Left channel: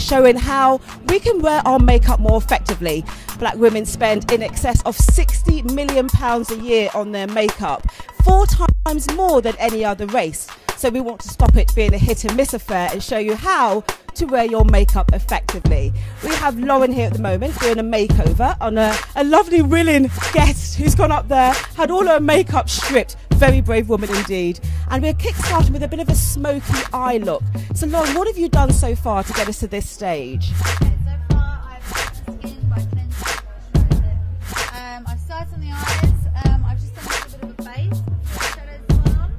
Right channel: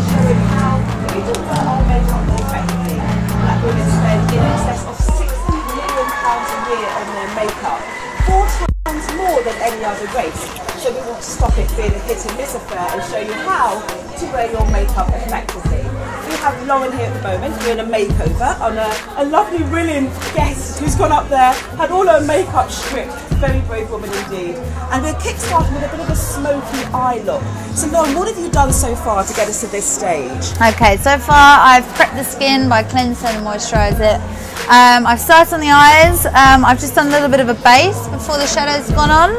showing how we can wear our makeup more effectively. Black women spend in excess of £60 million a year on their makeup, 4 times more than any other race. So we want to stop it being a hit and miss affair and show you how to wear your makeup effectively. We have Lauren here at the moment doing a makeover on a lovely, brilliant guest who's gone up there, had all her makeup stripped. Very brave woman indeed. And we're kick-started with a bit of a smoky eye look. So Lauren, what have you done so far to get us to this stage? Okay, so far I've prepped the skin by cleansing and moisturize it. I've started on the eyes. I've just done a little bit of a base before the shadow's gone on.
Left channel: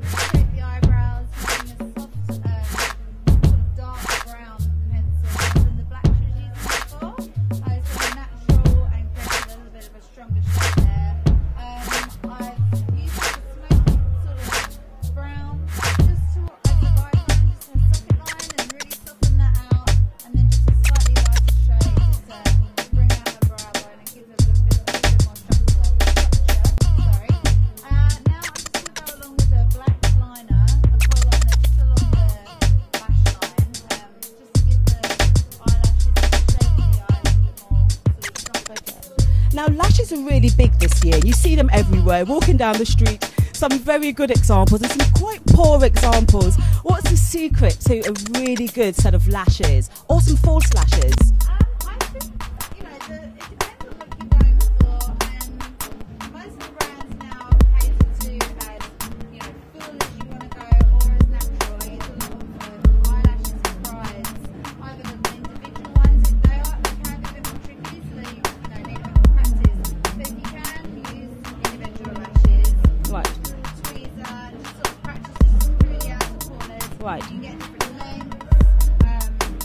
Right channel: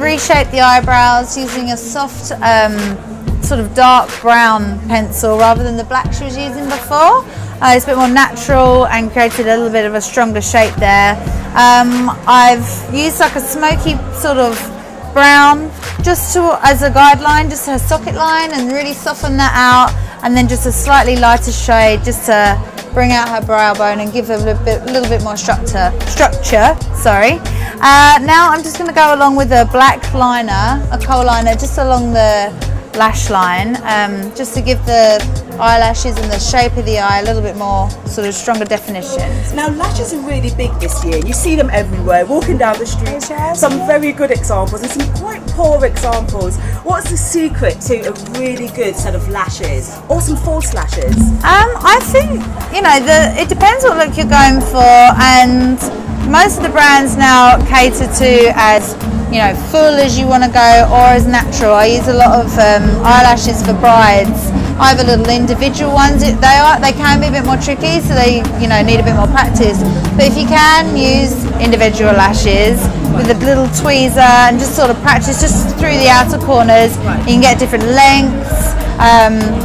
Reshaped the eyebrows using a soft sort of dark brown pencil rather than the black she was using before. It's a bit more natural and created a little bit of a stronger shape there. I've used like a smoky sort of brown just as a guideline, just a socket line, and really soften that out, and then just a slightly lighter shade just to bring out her brow bone and give her a little bit more structure. Now I'm just going to go along with a black liner, a kohl liner, just along the lash line, just to give the eyelashes and the shape of the eye a little bit more sort of stronger definition. Now lashes are really big this year. You see them everywhere, walking down the street. Some very good examples and some quite poor examples. What's the secret to a really good set of lashes or some false lashes? I think, you know, it depends what look you're going for, and most of the brands now cater to as, you know, full as you want to go or as natural. I use a lot of eyelashes for brides. I have a little individual ones. They can be a bit more tricky, so they, you know, need a bit more practice. But if you can use individual lashes with a little tweezer and just sort of practice just through the outer corners, you can get different lengths.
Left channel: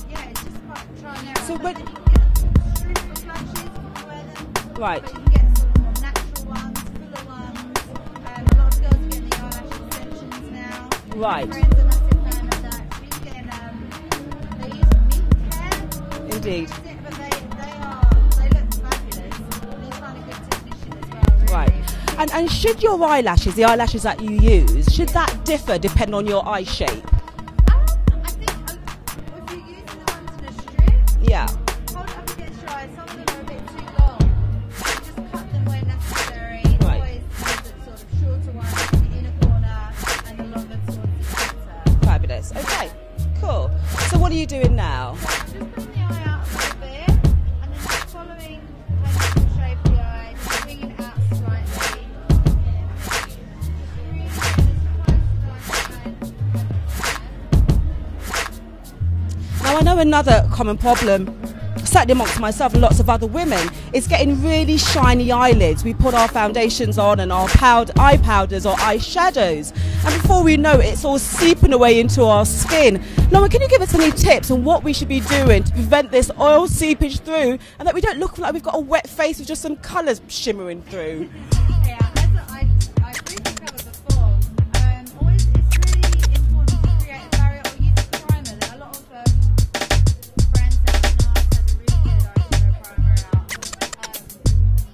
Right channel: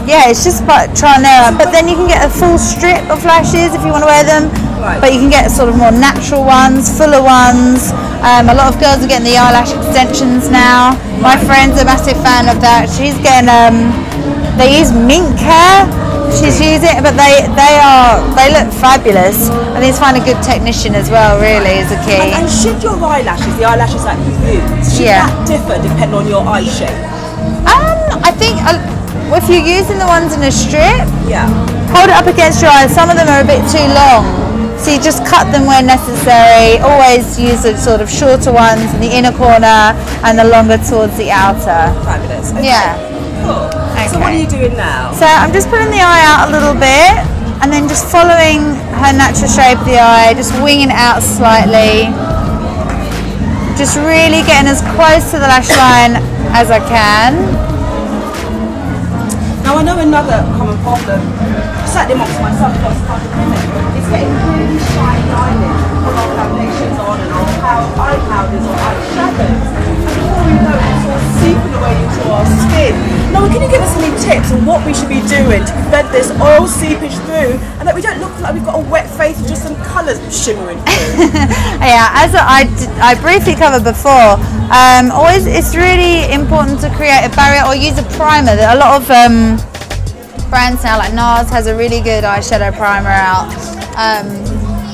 Yeah, it's just about trial and error. But then you can get a full strip of lashes if you want to wear them. But you can get sort of more natural ones, fuller ones. A lot of girls are getting the eyelash extensions now. My friend's a massive fan of that. She's getting, they use mink hair. She's using it, but they look fabulous. And it's find a good technician as well, really, is the key. And should your eyelashes, the eyelashes that you use, should that differ depending on your eye shape? I think if you're using the ones in a strip, hold it up against your eyes. Some of them are a bit too long. So you just cut them where necessary. Always use the sort of shorter ones in the inner corner and the longer towards the outer. Fabulous. Okay. Yeah. Cool. Okay. So what are you doing now? So I'm just pulling the eye out a little bit and then just following her natural shape of the eye, just winging it out slightly. Just really getting as close to the lash line as I can. Now I know another common problem, certainly amongst myself and lots of other women, is getting really shiny eyelids. We put our foundations on and our eye powders or eyeshadows, and before we know it, it's all seeping away into our skin. Now, can you give us any tips on what we should be doing to prevent this oil seepage through, and that we don't look like we've got a wet face with just some colours shimmering through? Yeah, as I briefly covered before, always it's really important to create a barrier or use a primer. A lot of brands now, like NARS has a really good eyeshadow primer out,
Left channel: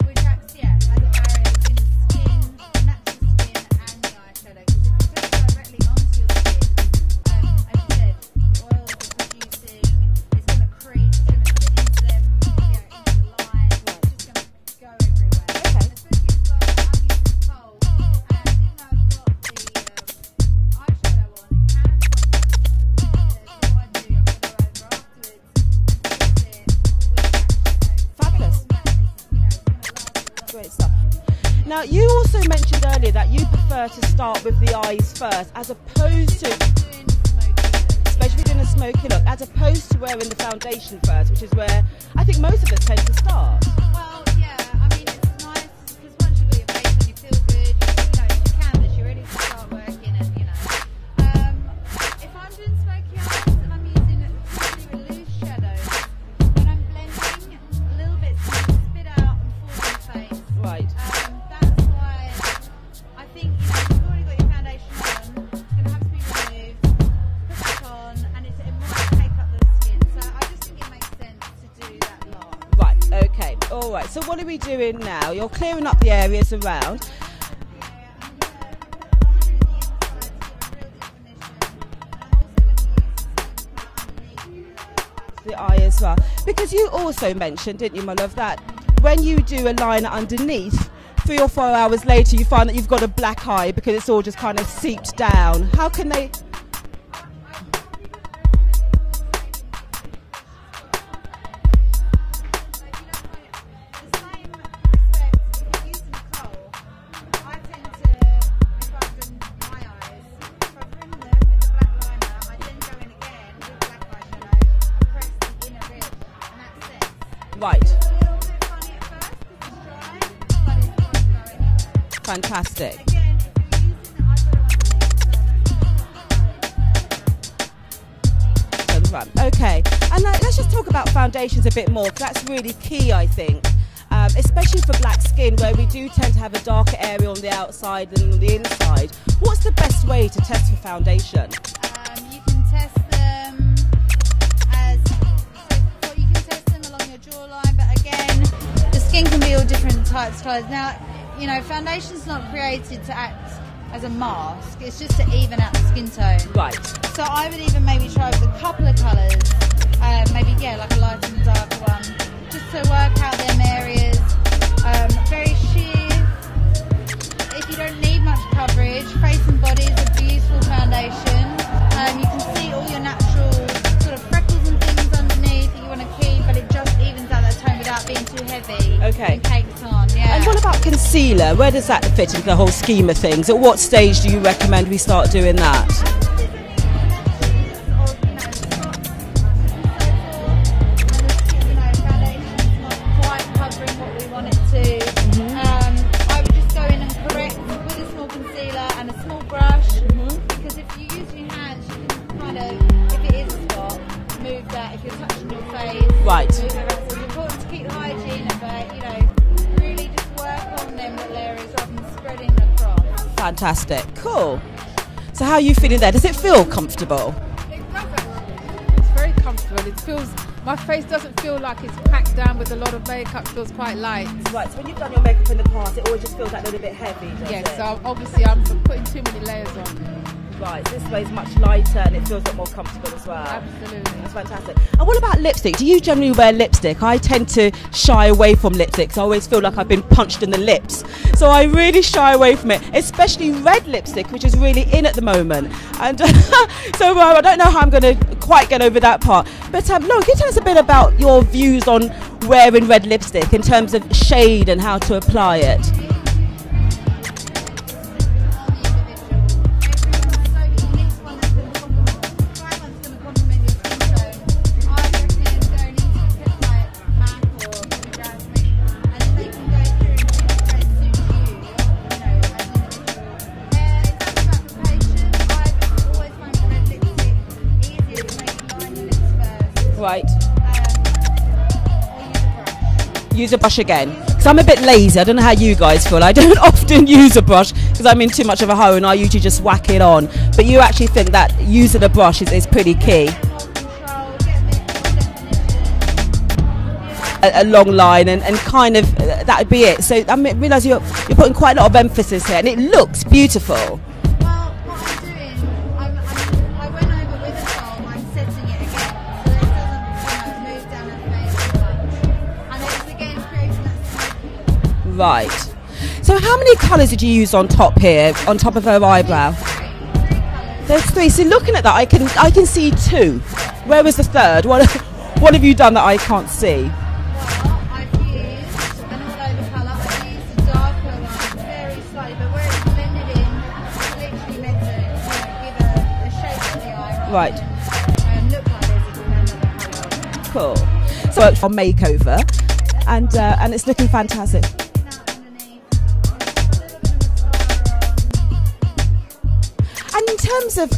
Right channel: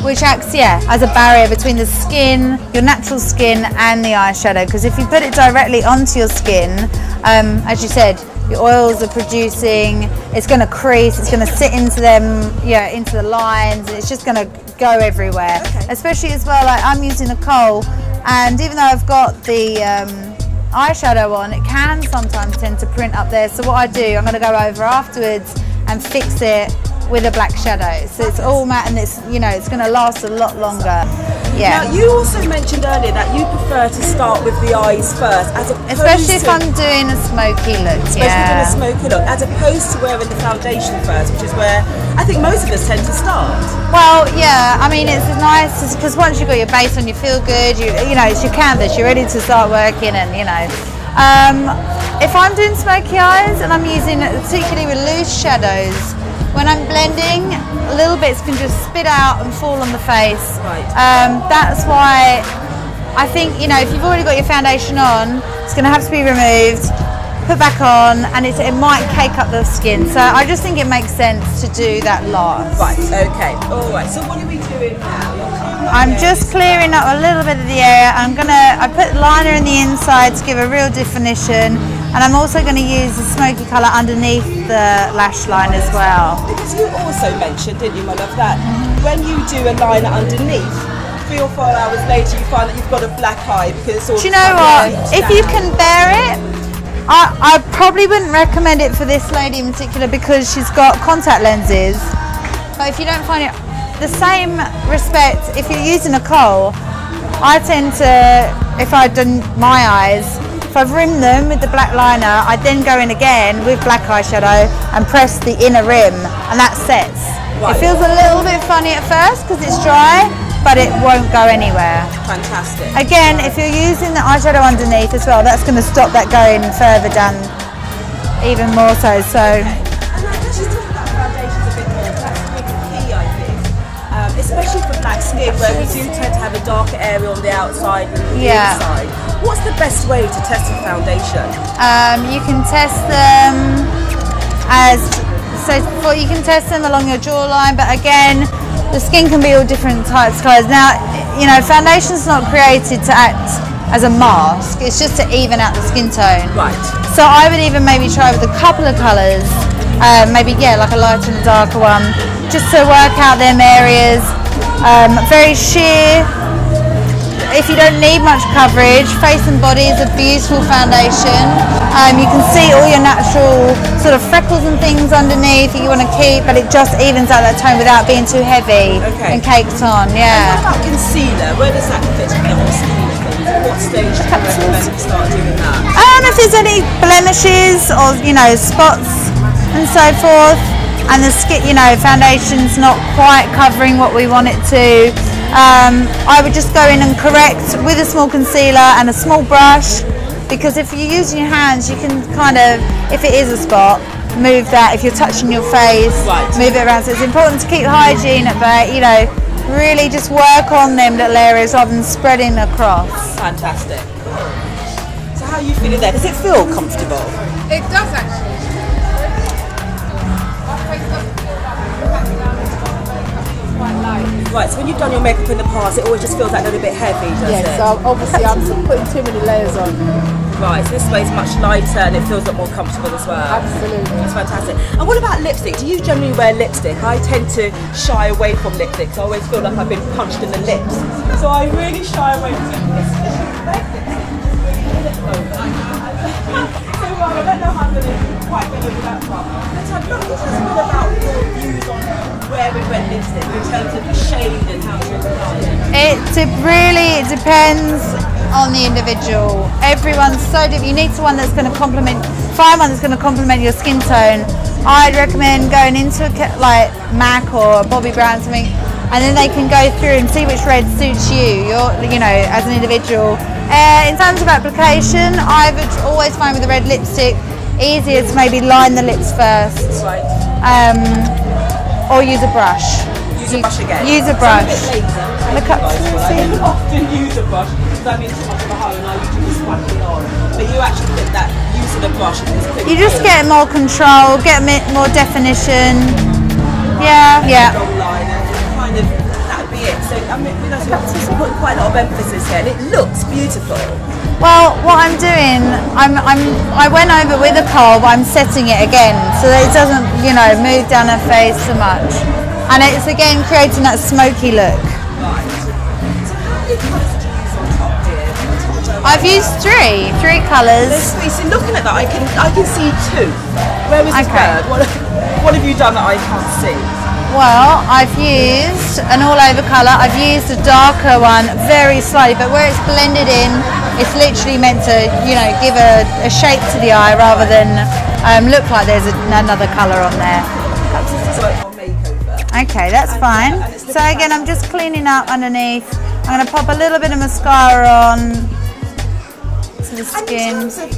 which acts as a barrier between the skin, your natural skin, and the eyeshadow. Because if you put it directly onto your skin, as you said, your oils are producing, it's going to crease, it's going to sit into them, into the lines, it's just going to go everywhere. Especially as well, like I'm using a kohl, and even though I've got the eyeshadow on, it can sometimes tend to print up there. So what I do, I'm going to go over afterwards and fix it with a black shadow. So it's all matte and it's, it's going to last a lot longer. Yeah. Now you also mentioned earlier that you prefer to start with the eyes first, especially if I'm doing a smoky look. As opposed to wearing the foundation first, which is where I think most of us tend to start. Well, yeah, I mean, it's nice because once you've got your base on, you feel good. It's your canvas. You're ready to start working, and if I'm doing smoky eyes and I'm using particularly with loose shadows, when I'm blending, little bits can just spit out and fall on the face. That's why I think, if you've already got your foundation on, it's going to have to be removed, put back on, and it might cake up the skin. So I just think it makes sense to do that last. Right, okay, all right. So what are we doing now? You're clearing up I'm just clearing up a little bit of the area. I put liner in the inside to give a real definition, And I'm also going to use the smoky colour underneath the lash line as well. Because you also mentioned, didn't you, my love, that when you do a liner underneath, 3 or 4 hours later you find that you've got a black eye because it's all. Do you know what? If you can bear it, I probably wouldn't recommend it for this lady in particular because she's got contact lenses. But if you don't find it, the same respect, if you're using a kohl, I tend to, if I've done my eyes, if I've rimmed them with the black liner, I then go in again with black eyeshadow and press the inner rim, and that sets. Right. It feels a little bit funny at first because it's dry, but it won't go anywhere. Fantastic. Again, if you're using the eyeshadow underneath as well, that's going to stop that going further down even more so. Okay. And let's just talk about foundations a bit more. That's really key, I think. Especially for black skin, where we do tend to have a darker area on the outside and the inside. What's the best way to test a foundation? You can test them you can test them along your jawline, but again, the skin can be all different types of colours. Now, you know, foundation's not created to act as a mask, it's just to even out the skin tone. Right. So I would even maybe try with a couple of colours, maybe, like a lighter and a darker one, just to work out them areas. Very sheer. If you don't need much coverage, Face and Body is a beautiful foundation. You can see all your natural sort of freckles and things underneath that you want to keep, but it just evens out that tone without being too heavy and caked on. Yeah. And what about concealer? Where does that fit in the whole scheme of things? At what stage do you recommend we start doing that? I don't know if there's any blemishes or, spots and so forth, and the skin, foundation's not quite covering what we want it to. I would just go in and correct with a small concealer and a small brush, because if you're using your hands, you can kind of, if it is a spot, move that. If you're touching your face, move it around. So it's important to keep hygiene, but really just work on them little areas rather than spreading across. Fantastic. Cool. So how are you feeling there? Does it feel comfortable? It does actually. My face doesn't feel like it's packed down with a lot of makeup, feels quite light. Right, so when you've done your makeup in the past, it always just feels like a little bit heavy, doesn't it? Yeah, so obviously I'm putting too many layers on. Right, so this way is much lighter and it feels a lot more comfortable as well. Absolutely. That's fantastic. And what about lipstick? Do you generally wear lipstick? I tend to shy away from lipstick, so I always feel like I've been punched in the lips. So I really shy away from it, especially red lipstick, which is really in at the moment. And so I don't know how I'm going to quite get over that part. But Laura, can you tell us a bit about your views on wearing red lipstick in terms of shade and how to apply it? It really depends on the individual. Everyone's so different. You need someone that's going to find one that's going to complement your skin tone. I'd recommend going into like MAC or Bobbi Brown something, and then they can go through and see which red suits you. As an individual. In terms of application, I would always find with the red lipstick easier to maybe line the lips first. Right. Or use a brush. Use a brush again. Use a brush. So I'm a bit lazy. I don't know how you guys feel. I don't often use a brush because I'm in too much of a hurry and I usually just whack it on. But you actually think that using a brush is pretty key. You just get more control, get more definition. A long line and kind of that would be it. So I realise you're putting quite a lot of emphasis here and it looks beautiful. Well, what I'm doing, I went over with a kohl, but I'm setting it again so that it doesn't, move down her face so much. And it's again creating that smoky look. Right. So how many colours did you use on top here, on top of her eyebrow? I've used three colours. There's three. So looking at that, I can see two. Where was the third? What have you done that I can't see? Well, I've used an all-over colour. I've used a darker one, very slightly, but where it's blended in, it's literally meant to, give a shape to the eye rather than look like there's another colour on there. Cool. On makeover. Okay, that's fine. And it's so again, fantastic. I'm just cleaning up underneath. I'm going to pop a little bit of mascara on to the skin. And in terms of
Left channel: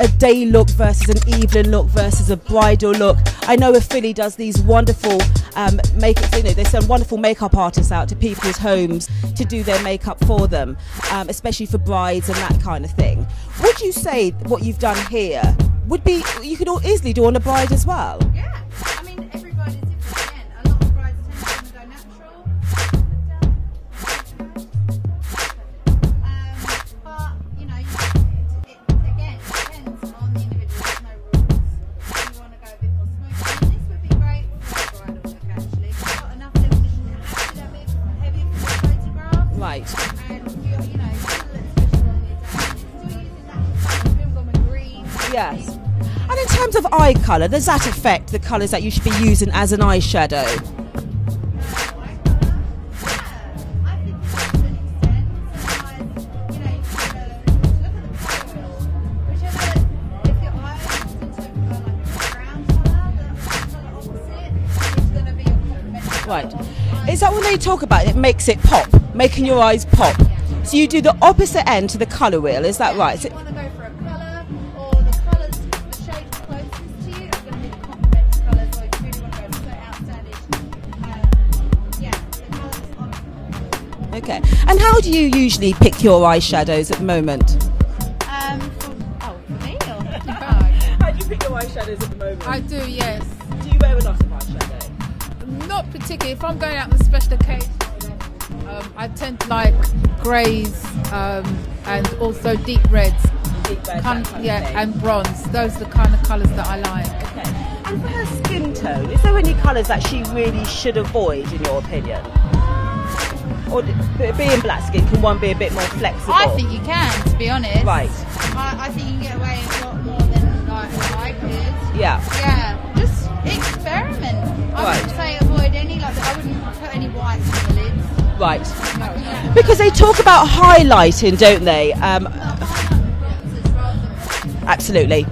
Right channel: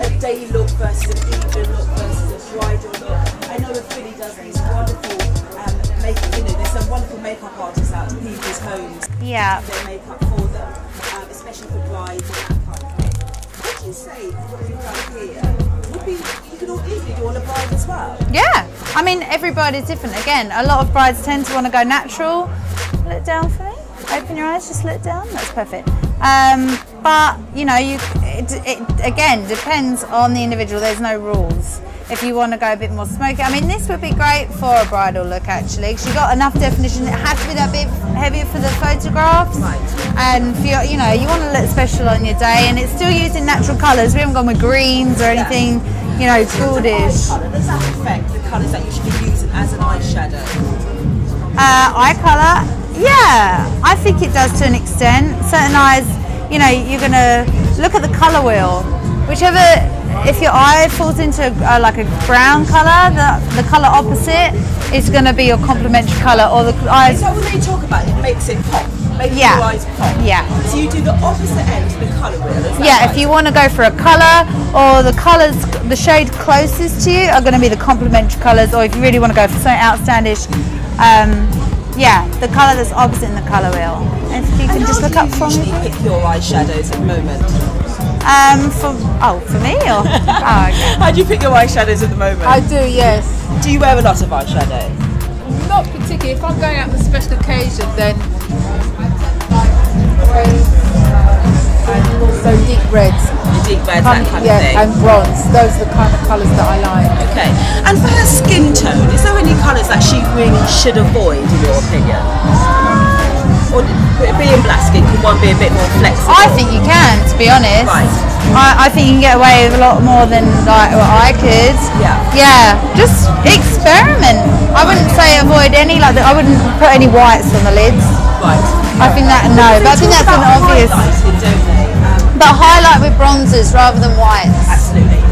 a day look versus an evening look versus a bridal look, I know Philly does these wonderful makeup. There's some wonderful makeup artists out to people's homes to do their makeup for them, especially for brides and that kind of thing. Would you say what you've done here would be you could easily do on a bride as well? Yeah, I mean every bride is different. Again, a lot of brides tend to want to go natural. Look down for me. Open your eyes, just look down. That's perfect. But it again depends on the individual. There's no rules. If you want to go a bit more smoky, I mean, this would be great for a bridal look actually. She got enough definition. It has to be that bit heavier for the photographs, Right. and for your, you know, you want to look special on your day, and it's still using natural colours. We haven't gone with greens or anything, you know, In terms of gaudish. eye colour, does that affect the colours that you should be using as an eyeshadow? Eye colour, yeah, I think it does to an extent. Certain eyes, you know, you're going to look at the colour wheel. Whichever, if your eye falls into like a brown colour, the colour opposite is going to be your complementary colour, or the eyes. Is that when they talk about it makes it pop, making Yeah. your eyes pop? Yeah. So you do the opposite end to the colour wheel, is that Yeah, right? if you want to go for a colour, or the colours, the shade closest to you are going to be the complementary colours, or if you really want to go for something outstandish, yeah, the colour that's opposite in the colour wheel. Okay. If you And can how just do look up you for me. usually pick your eyeshadows at the moment? For me, or? Oh, okay. How do you pick your eyeshadows at the moment? I do, yes. Do you wear a lot of eyeshadow? Not particularly. If I'm going out on a special occasion, then I tend to like greys and also deep reds. Deep red, that kind of thing. And bronze. Those are the kind of colours that I like. Okay. And for her skin tone, is there any colours that she really should avoid, in your opinion? Or being black skin, can one be a bit more flexible? I think you can, to be honest. Right. I think you can get away with a lot more than like what I could. Yeah. Yeah, just experiment. I wouldn't say avoid any, like I wouldn't put any whites on the lids. Right. I think that, no. Because But I they think talk that's about an obvious. highlighting, don't they? But highlight with bronzers rather than whites. Absolutely.